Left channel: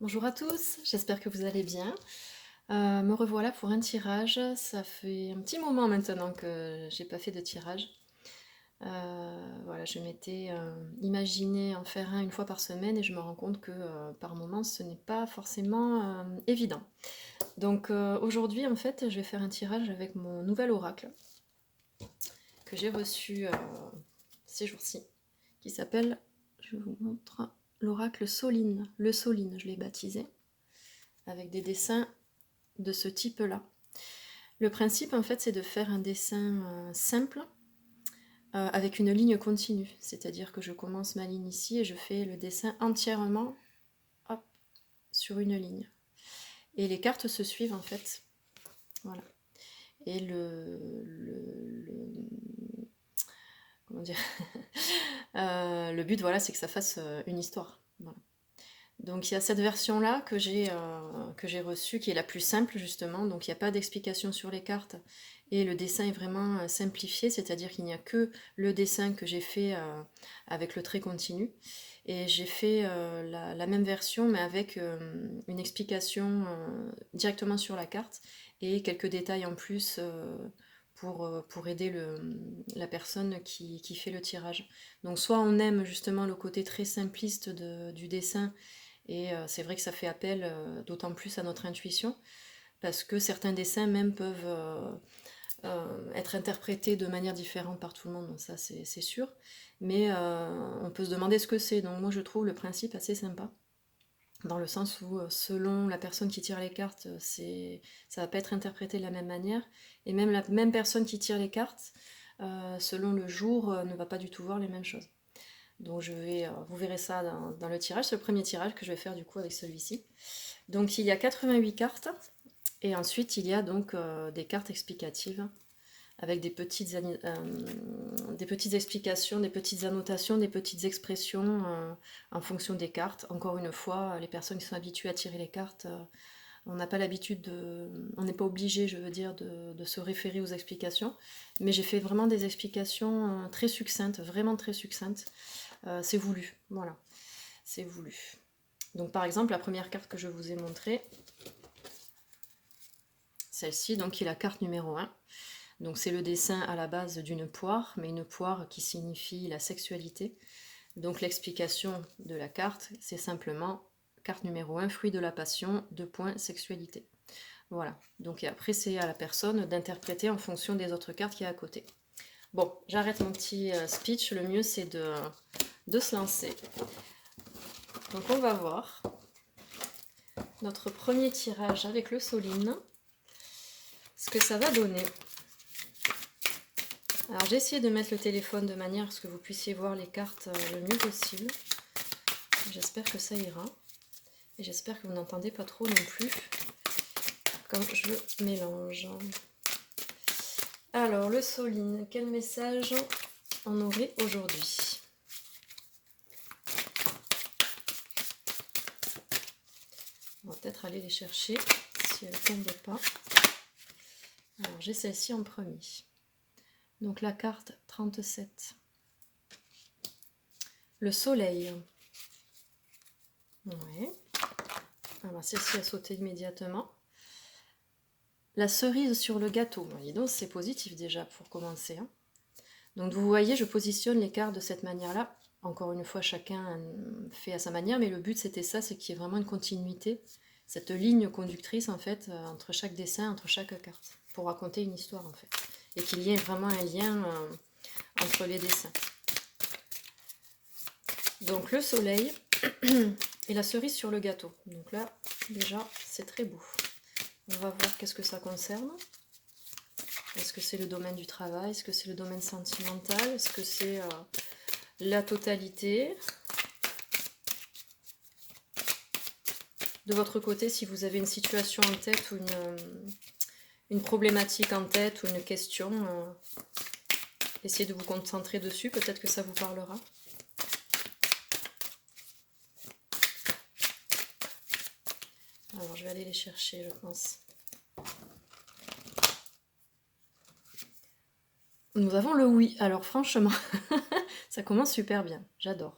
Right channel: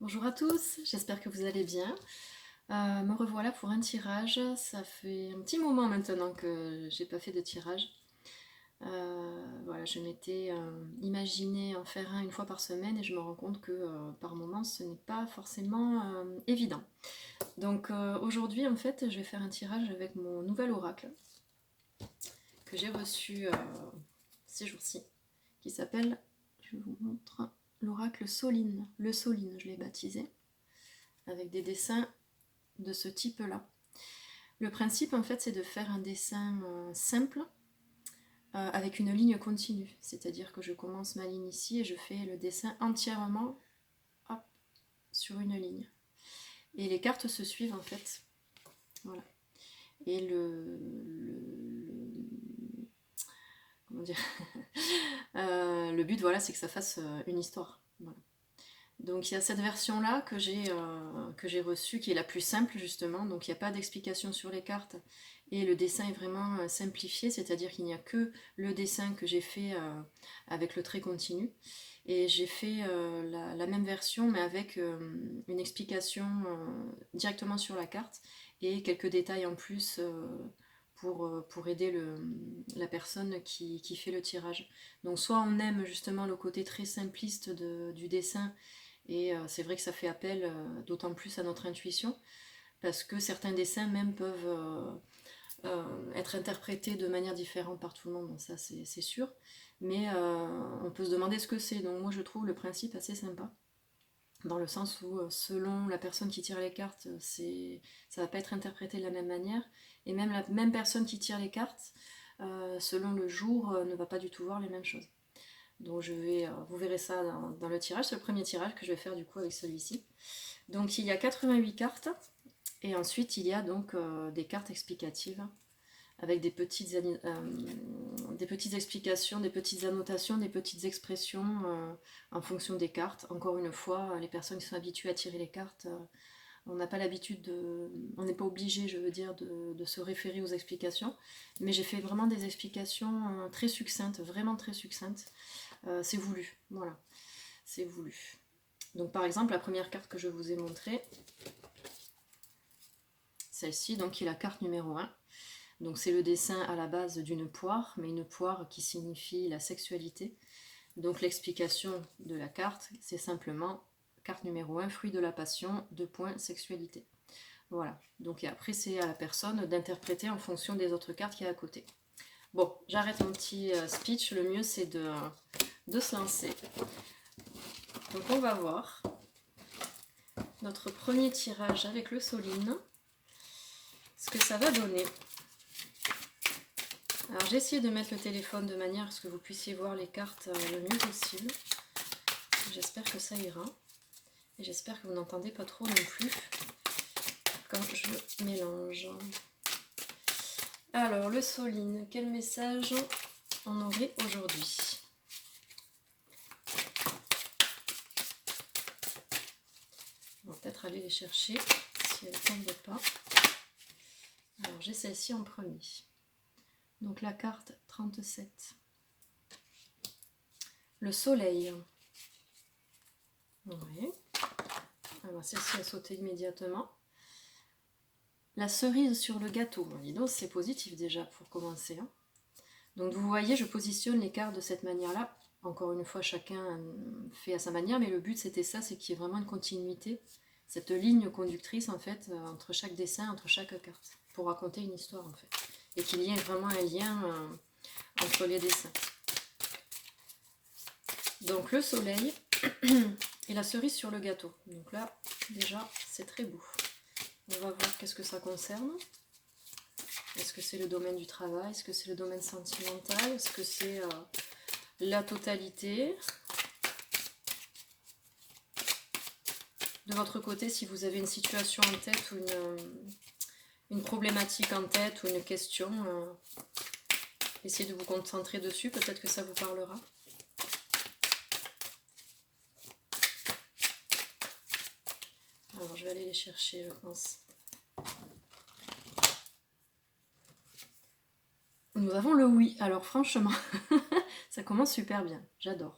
Bonjour à tous, j'espère que vous allez bien. Me revoilà pour un tirage. Ça fait un petit moment maintenant que j'ai pas fait de tirage. Voilà, je m'étais imaginé en faire un une fois par semaine et je me rends compte que par moment ce n'est pas forcément évident. Donc aujourd'hui en fait je vais faire un tirage avec mon nouvel oracle que j'ai reçu ces jours-ci, qui s'appelle, je vous montre, l'oracle Soline. Le Soline, je l'ai baptisé, avec des dessins de ce type-là. Le principe, en fait, c'est de faire un dessin simple avec une ligne continue. C'est-à-dire que je commence ma ligne ici et je fais le dessin entièrement hop, sur une ligne. Et les cartes se suivent, en fait. Voilà. Et comment dire le but, voilà, c'est que ça fasse une histoire. Voilà. Donc il y a cette version-là que j'ai reçue, qui est la plus simple justement. Donc il n'y a pas d'explication sur les cartes et le dessin est vraiment simplifié, c'est-à-dire qu'il n'y a que le dessin que j'ai fait avec le trait continu. Et j'ai fait la même version mais avec une explication directement sur la carte et quelques détails en plus pour aider la personne qui fait le tirage. Donc soit on aime justement le côté très simpliste du dessin et c'est vrai que ça fait appel d'autant plus à notre intuition, parce que certains dessins même peuvent être interprétés de manière différente par tout le monde, donc ça c'est sûr. Mais on peut se demander ce que c'est. Donc moi je trouve le principe assez sympa, dans le sens où selon la personne qui tire les cartes, ça va pas être interprété de la même manière. Et même la même personne qui tire les cartes, selon le jour, ne va pas du tout voir les mêmes choses. Donc vous verrez ça dans le tirage, c'est le premier tirage que je vais faire du coup avec celui-ci. Donc il y a 88 cartes et ensuite il y a donc des cartes explicatives avec des petites explications, des petites annotations, des petites expressions en fonction des cartes. Encore une fois, les personnes qui sont habituées à tirer les cartes, on n'a pas l'habitude on n'est pas obligé, je veux dire, de se référer aux explications. Mais j'ai fait vraiment des explications très succinctes, vraiment très succinctes. C'est voulu, voilà, c'est voulu. Donc par exemple, la première carte que je vous ai montrée, celle-ci, donc qui est la carte numéro 1. Donc c'est le dessin à la base d'une poire, mais une poire qui signifie la sexualité. Donc l'explication de la carte, c'est simplement carte numéro 1, fruit de la passion, 2 points, sexualité. Voilà. Donc et après c'est à la personne d'interpréter en fonction des autres cartes qui y a à côté. Bon, j'arrête mon petit speech, le mieux c'est de se lancer. Donc on va voir notre premier tirage avec le Soline, ce que ça va donner. Alors j'ai essayé de mettre le téléphone de manière à ce que vous puissiez voir les cartes le mieux possible. J'espère que ça ira. Et j'espère que vous n'entendez pas trop non plus quand je mélange. Alors le Soline, quel message on aurait aujourd'hui? On va peut-être aller les chercher si elles ne tombent pas. Alors j'ai celle-ci en premier. Donc la carte 37. Le soleil. Ouais. Alors celle-ci a sauté immédiatement. La cerise sur le gâteau. Bon, dis donc, c'est positif déjà pour commencer. Hein. Donc vous voyez, je positionne les cartes de cette manière-là. Encore une fois, chacun fait à sa manière, mais le but c'était ça, c'est qu'il y ait vraiment une continuité, cette ligne conductrice en fait, entre chaque dessin, entre chaque carte, pour raconter une histoire en fait. Et qu'il y ait vraiment un lien entre les dessins. Donc le soleil et la cerise sur le gâteau. Donc là, déjà, c'est très beau. On va voir qu'est-ce que ça concerne. Est-ce que c'est le domaine du travail? Est-ce que c'est le domaine sentimental? Est-ce que c'est la totalité? De votre côté, si vous avez une situation en tête ou une problématique en tête ou une question, essayez de vous concentrer dessus, peut-être que ça vous parlera. Alors, je vais aller les chercher, je pense. Nous avons le oui. Alors, franchement, ça commence super bien. J'adore.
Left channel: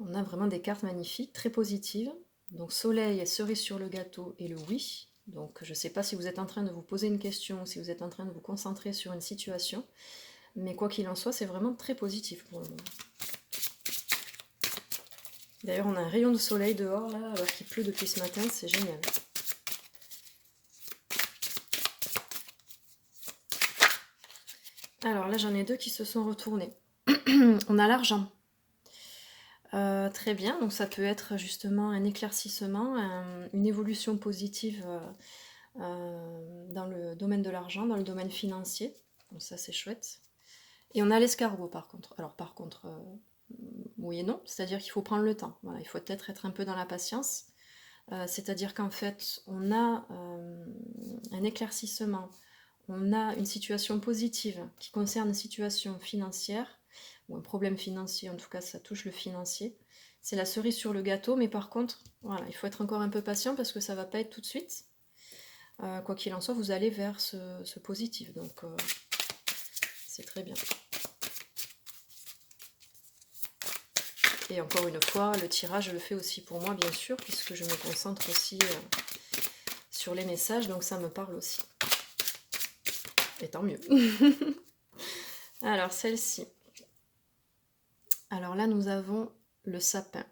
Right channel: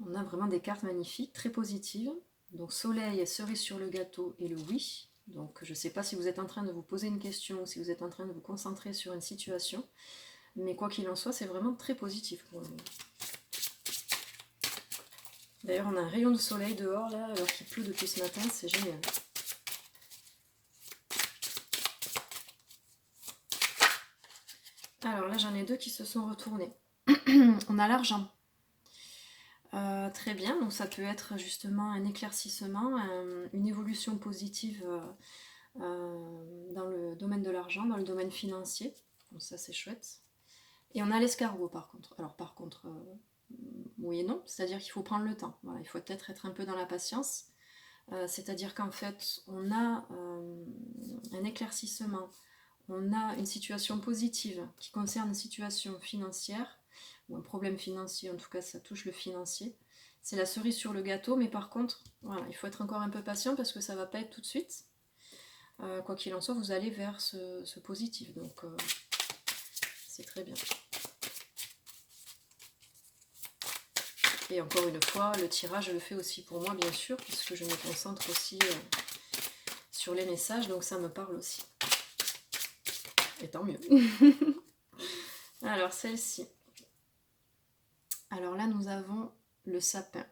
On a vraiment des cartes magnifiques, très positives. Donc soleil et cerise sur le gâteau et le oui. Donc je ne sais pas si vous êtes en train de vous poser une question ou si vous êtes en train de vous concentrer sur une situation. Mais quoi qu'il en soit, c'est vraiment très positif pour le moment. D'ailleurs, on a un rayon de soleil dehors, là, alors qu'il pleut depuis ce matin, c'est génial. Alors là, j'en ai deux qui se sont retournés. On a l'argent. Très bien, donc ça peut être justement un éclaircissement, une évolution positive dans le domaine de l'argent, dans le domaine financier. Donc ça, c'est chouette. Et on a l'escargot par contre. Alors par contre, oui et non, c'est-à-dire qu'il faut prendre le temps. Voilà, il faut peut-être être un peu dans la patience. C'est-à-dire qu'en fait, on a un éclaircissement, on a une situation positive qui concerne une situation financière, ou un problème financier, en tout cas ça touche le financier. C'est la cerise sur le gâteau, mais par contre, voilà, il faut être encore un peu patient parce que ça ne va pas être tout de suite. Quoi qu'il en soit, vous allez vers ce positif, donc c'est très bien. Et encore une fois, le tirage, je le fais aussi pour moi, bien sûr, puisque je me concentre aussi sur les messages, donc ça me parle aussi. Et tant mieux. Alors, celle-ci. Alors là, nous avons le sapin.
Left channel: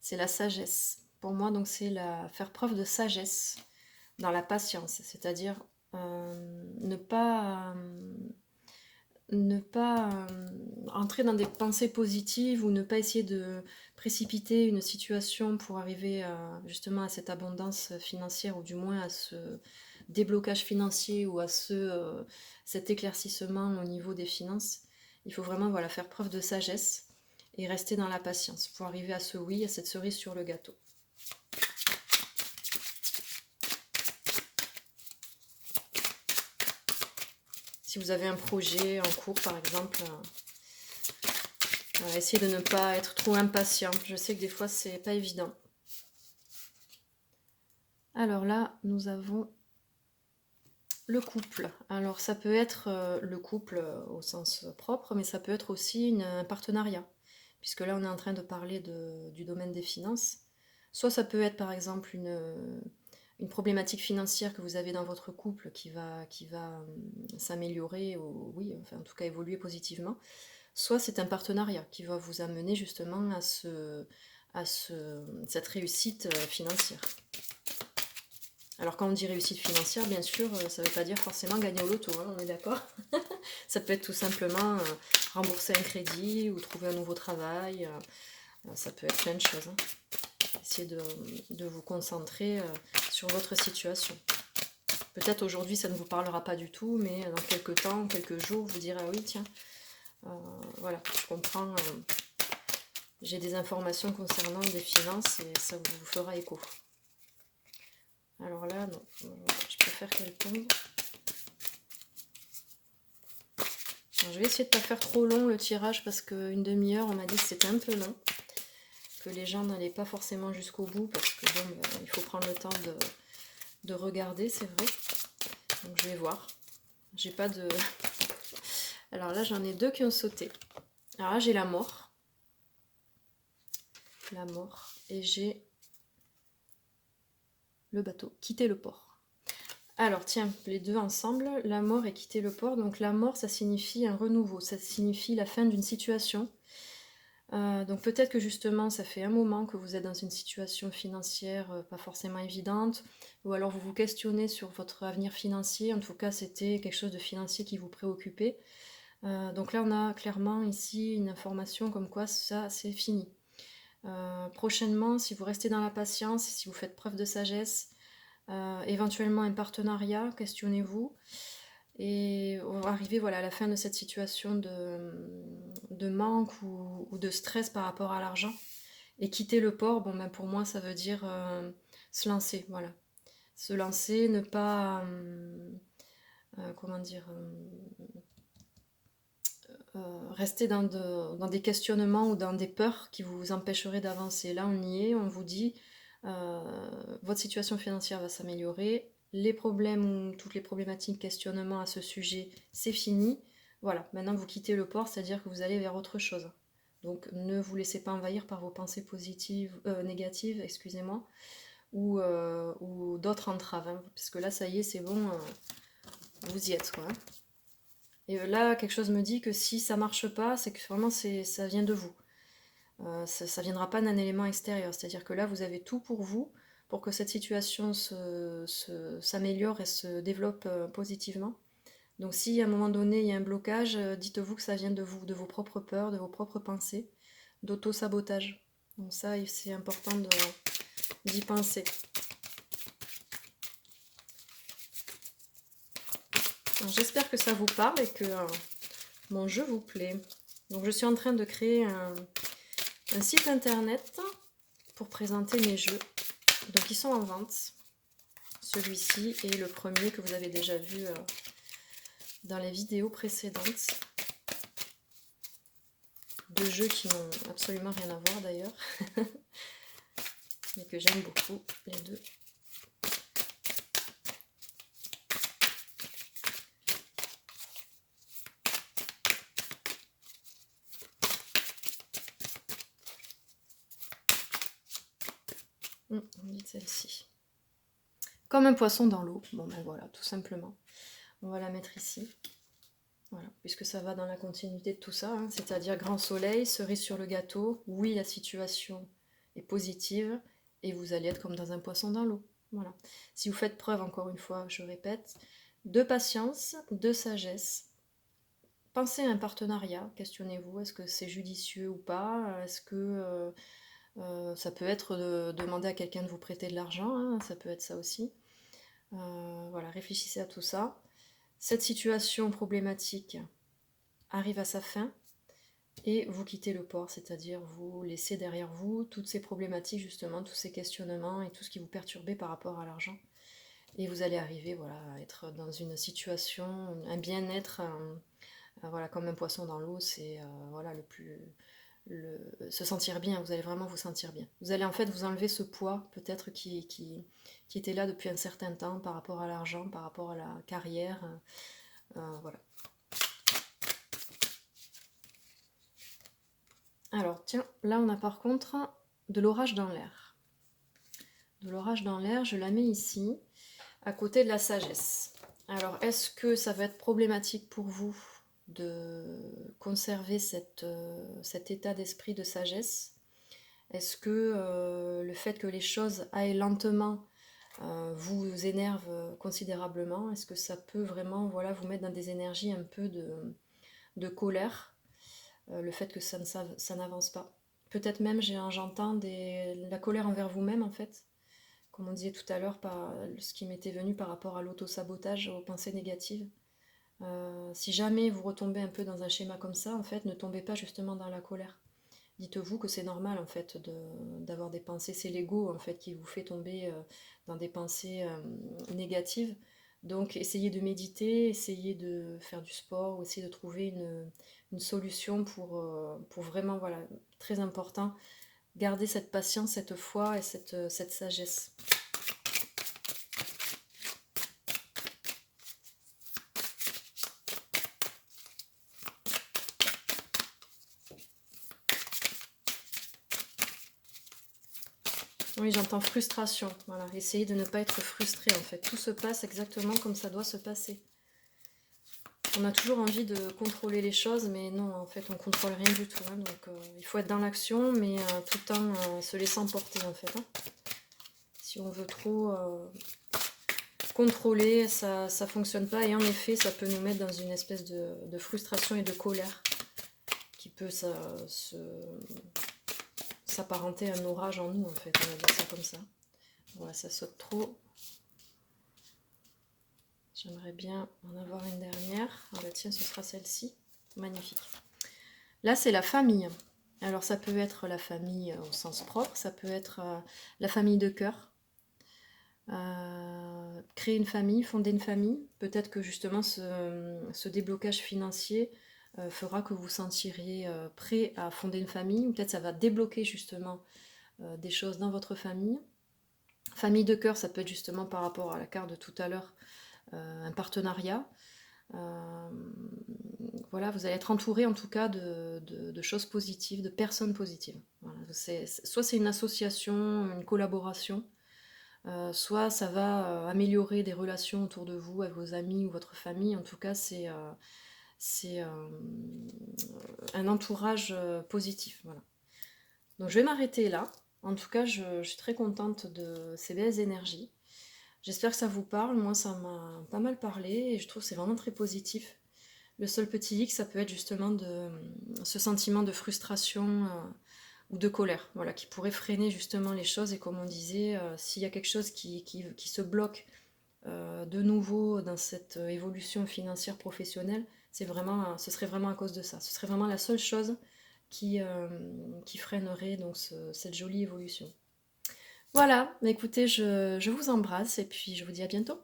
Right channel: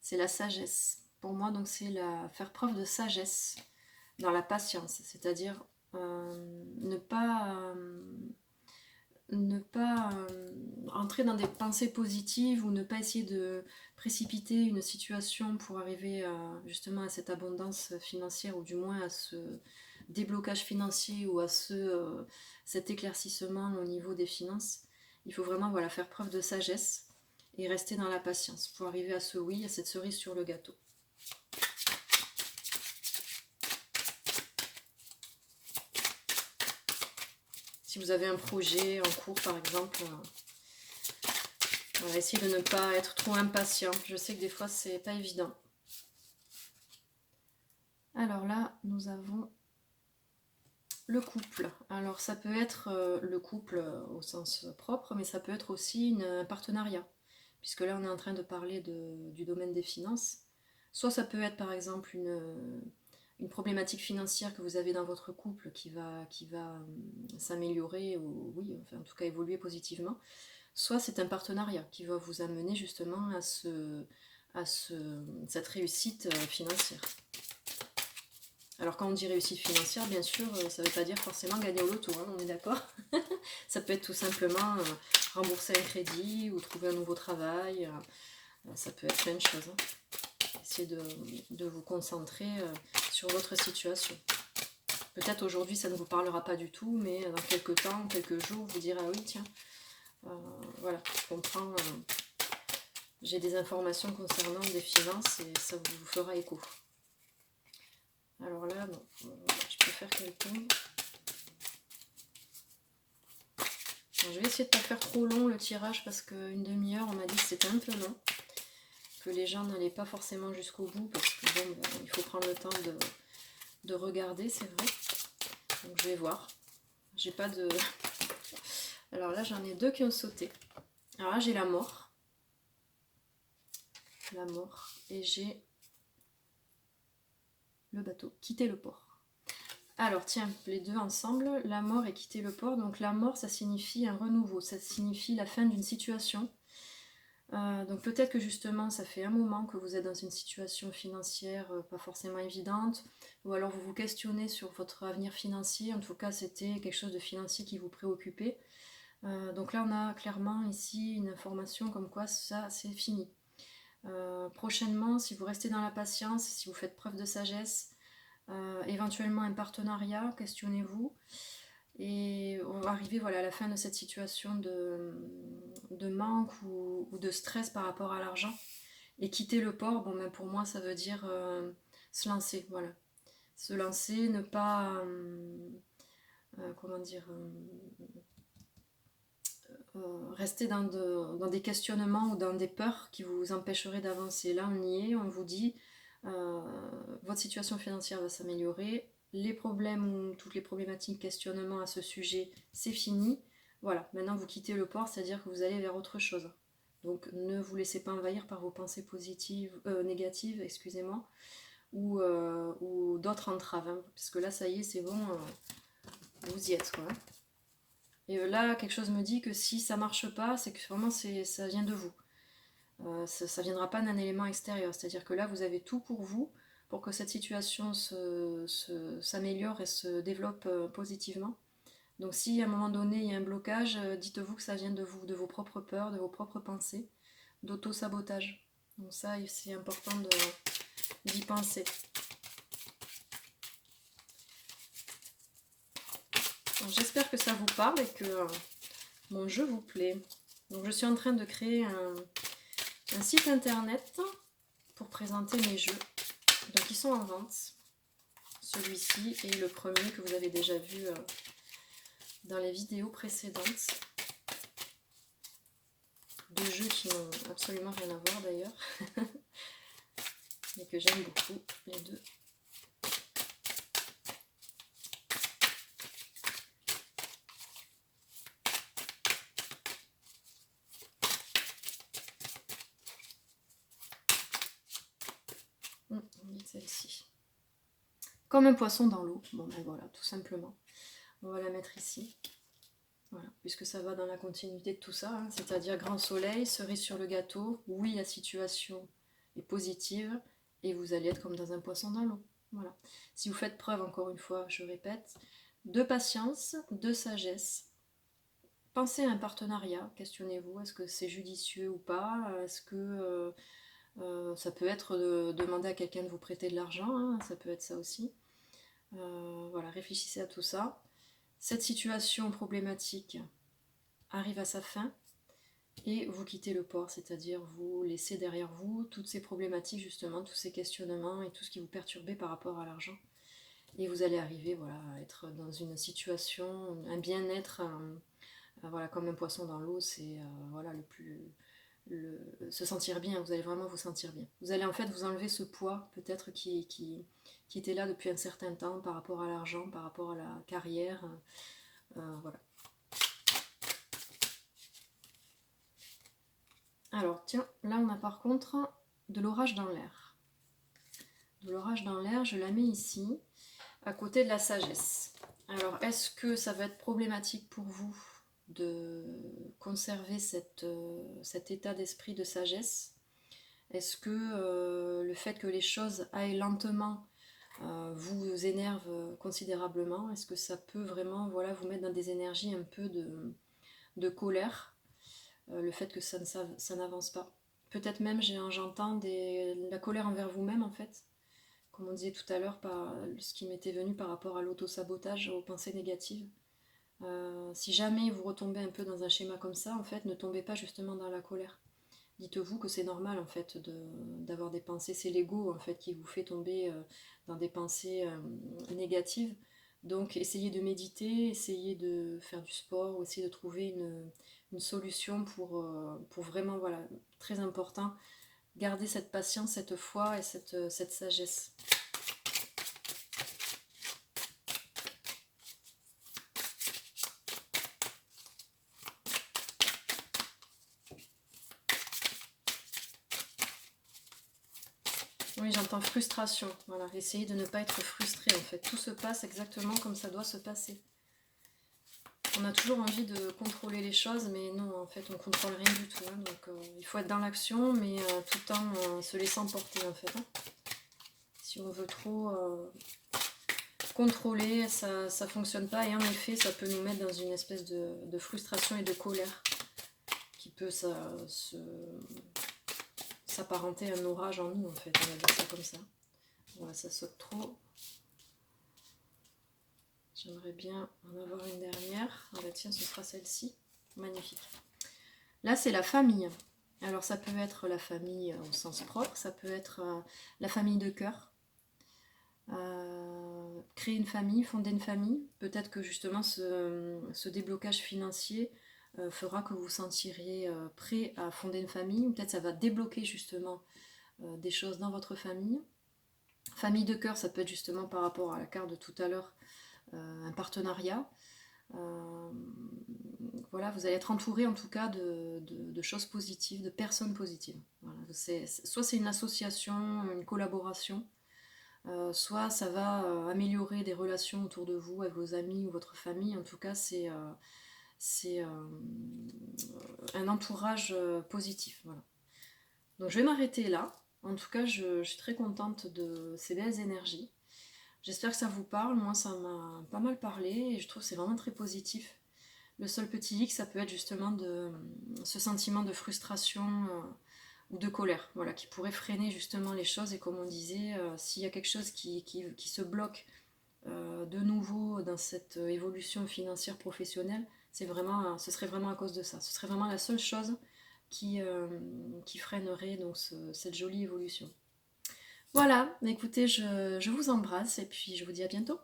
C'est la sagesse. Pour moi, donc, c'est faire preuve de sagesse dans la patience. C'est-à-dire ne pas entrer dans des pensées positives ou ne pas essayer de précipiter une situation pour arriver justement à cette abondance financière ou du moins à ce déblocage financier ou à cet éclaircissement au niveau des finances. Il faut vraiment voilà, faire preuve de sagesse et rester dans la patience pour arriver à ce oui, à cette cerise sur le gâteau. Si vous avez un projet en cours par exemple, essayez de ne pas être trop impatient. Je sais que des fois c'est pas évident. Alors là, nous avons le couple. Alors ça peut être le couple au sens propre, mais ça peut être aussi un partenariat. Puisque là, on est en train de parler du domaine des finances. Soit ça peut être par exemple une problématique financière que vous avez dans votre couple qui va s'améliorer, ou oui, enfin en tout cas évoluer positivement. Soit c'est un partenariat qui va vous amener justement à cette réussite financière. Alors quand on dit réussite financière, bien sûr, ça ne veut pas dire forcément gagner au loto, hein, on est d'accord. Ça peut être tout simplement rembourser un crédit ou trouver un nouveau travail. Ça peut être plein de choses. Hein. Essayez de vous concentrer sur votre situation. Peut-être aujourd'hui ça ne vous parlera pas du tout, mais dans quelques temps, quelques jours, vous direz ah oui tiens, voilà, je comprends, j'ai des informations concernant des finances et ça vous fera écho. Alors là, non, je préfère qu'elle tombe. Je vais essayer de ne pas faire trop long le tirage parce qu'une demi-heure, on m'a dit que c'était un peu long. Que les gens n'allaient pas forcément jusqu'au bout parce que bon, il faut prendre le temps de regarder, c'est vrai. Donc je vais voir. J'ai pas de... Alors là, j'en ai deux qui ont sauté. Alors là, j'ai la mort. La mort. Et j'ai le bateau. Quitter le port. Alors tiens, les deux ensemble, la mort et quitter le port. Donc la mort, ça signifie un renouveau, ça signifie la fin d'une situation. Donc peut-être que justement, ça fait un moment que vous êtes dans une situation financière pas forcément évidente, ou alors vous vous questionnez sur votre avenir financier. En tout cas, c'était quelque chose de financier qui vous préoccupait. Donc là, on a clairement ici une information comme quoi ça, c'est fini. Prochainement, si vous restez dans la patience, si vous faites preuve de sagesse, éventuellement un partenariat, questionnez-vous. Et on va arriver voilà, à la fin de cette situation de manque ou de stress par rapport à l'argent. Et quitter le port, bon, ben pour moi, ça veut dire se lancer. Voilà. Se lancer, ne pas... comment dire rester dans des questionnements ou dans des peurs qui vous empêcheraient d'avancer. Là, on y est, on vous dit, votre situation financière va s'améliorer, les problèmes ou toutes les problématiques, questionnements à ce sujet, c'est fini. Voilà, maintenant vous quittez le port, c'est-à-dire que vous allez vers autre chose. Donc ne vous laissez pas envahir par vos pensées positives, négatives, excusez-moi, ou d'autres entraves, hein, parce que là, ça y est, c'est bon, vous y êtes, quoi. Et là, quelque chose me dit que si ça marche pas, c'est que vraiment ça vient de vous. Ça viendra pas d'un élément extérieur. C'est-à-dire que là, vous avez tout pour vous, pour que cette situation s'améliore et se développe positivement. Donc si à un moment donné, il y a un blocage, dites-vous que ça vient de vous, de vos propres peurs, de vos propres pensées, d'auto-sabotage. Donc ça, c'est important d'y penser. J'espère que ça vous parle et que mon jeu vous plaît. Donc je suis en train de créer un site internet pour présenter mes jeux. Donc ils sont en vente. Celui-ci est le premier que vous avez déjà vu dans les vidéos précédentes. Deux jeux qui n'ont absolument rien à voir d'ailleurs. Mais que j'aime beaucoup, les deux. On dit celle-ci. Comme un poisson dans l'eau. Bon ben voilà, tout simplement. On va la mettre ici. Voilà, puisque ça va dans la continuité de tout ça, hein, c'est-à-dire grand soleil, cerise sur le gâteau. Oui, la situation est positive et vous allez être comme dans un poisson dans l'eau. Voilà. Si vous faites preuve, encore une fois, je répète, de patience, de sagesse. Pensez à un partenariat, questionnez-vous, est-ce que c'est judicieux ou pas? Est-ce que ça peut être de demander à quelqu'un de vous prêter de l'argent, hein, ça peut être ça aussi. Voilà, réfléchissez à tout ça. Cette situation problématique arrive à sa fin et vous quittez le port, c'est-à-dire vous laissez derrière vous toutes ces problématiques justement, tous ces questionnements et tout ce qui vous perturbait par rapport à l'argent. Et vous allez arriver voilà, à être dans une situation, un bien-être, voilà, comme un poisson dans l'eau, c'est voilà, se sentir bien, vous allez vraiment vous sentir bien. Vous allez en fait vous enlever ce poids peut-être qui était là depuis un certain temps par rapport à l'argent, par rapport à la carrière. Voilà. Alors tiens, là on a par contre de l'orage dans l'air. De l'orage dans l'air, je la mets ici, à côté de la sagesse. Alors est-ce que ça va être problématique pour vous de conserver cet état d'esprit de sagesse? Est-ce que le fait que les choses aillent lentement vous énerve considérablement? Est-ce que ça peut vraiment voilà, vous mettre dans des énergies un peu de colère? Le fait que ça n'avance pas. Peut-être même j'entends la colère envers vous-même en fait, comme on disait tout à l'heure, par ce qui m'était venu par rapport à l'auto-sabotage, aux pensées négatives. Si jamais vous retombez un peu dans un schéma comme ça, en fait, ne tombez pas justement dans la colère. Dites-vous que c'est normal en fait d'avoir des pensées, c'est l'ego en fait qui vous fait tomber dans des pensées négatives. Donc essayez de méditer, essayez de faire du sport, ou essayez de trouver une solution pour vraiment, voilà, très important, garder cette patience, cette foi et cette sagesse. Oui, j'entends frustration. Voilà, essayez de ne pas être frustré en fait. Tout se passe exactement comme ça doit se passer. On a toujours envie de contrôler les choses, mais non, en fait, on contrôle rien du tout. Hein, donc, il faut être dans l'action, mais tout en se laissant porter, en fait. Hein. Si on veut trop contrôler, ça ne fonctionne pas. Et en effet, ça peut nous mettre dans une espèce de frustration et de colère qui peut s'apparenter à un orage en nous, en fait. On va dire ça comme ça. Voilà, ça saute trop. J'aimerais bien en avoir une dernière. Ah bah tiens, ce sera celle-ci. Magnifique. Là, c'est la famille. Alors, ça peut être la famille au sens propre, ça peut être la famille de cœur. Créer une famille, fonder une famille. Peut-être que justement, ce déblocage financier fera que vous vous sentiriez prêt à fonder une famille. Ou peut-être ça va débloquer justement des choses dans votre famille. Famille de cœur, ça peut être justement par rapport à la carte de tout à l'heure, un partenariat. Euh, voilà, vous allez être entouré en tout cas de choses positives, de personnes positives. Voilà, soit c'est une association, une collaboration, soit ça va améliorer des relations autour de vous, avec vos amis ou votre famille. En tout cas, c'est un entourage positif. Voilà. Donc je vais m'arrêter là. En tout cas, je suis très contente de ces belles énergies. J'espère que ça vous parle. Moi, ça m'a pas mal parlé et je trouve que c'est vraiment très positif. Le seul petit hic, ça peut être justement ce sentiment de frustration ou de colère, voilà, qui pourrait freiner justement les choses. Et comme on disait, s'il y a quelque chose qui se bloque de nouveau dans cette évolution financière professionnelle, ce serait vraiment à cause de ça. Ce serait vraiment la seule chose qui freinerait donc cette jolie évolution. Voilà, écoutez, je vous embrasse et puis je vous dis à bientôt.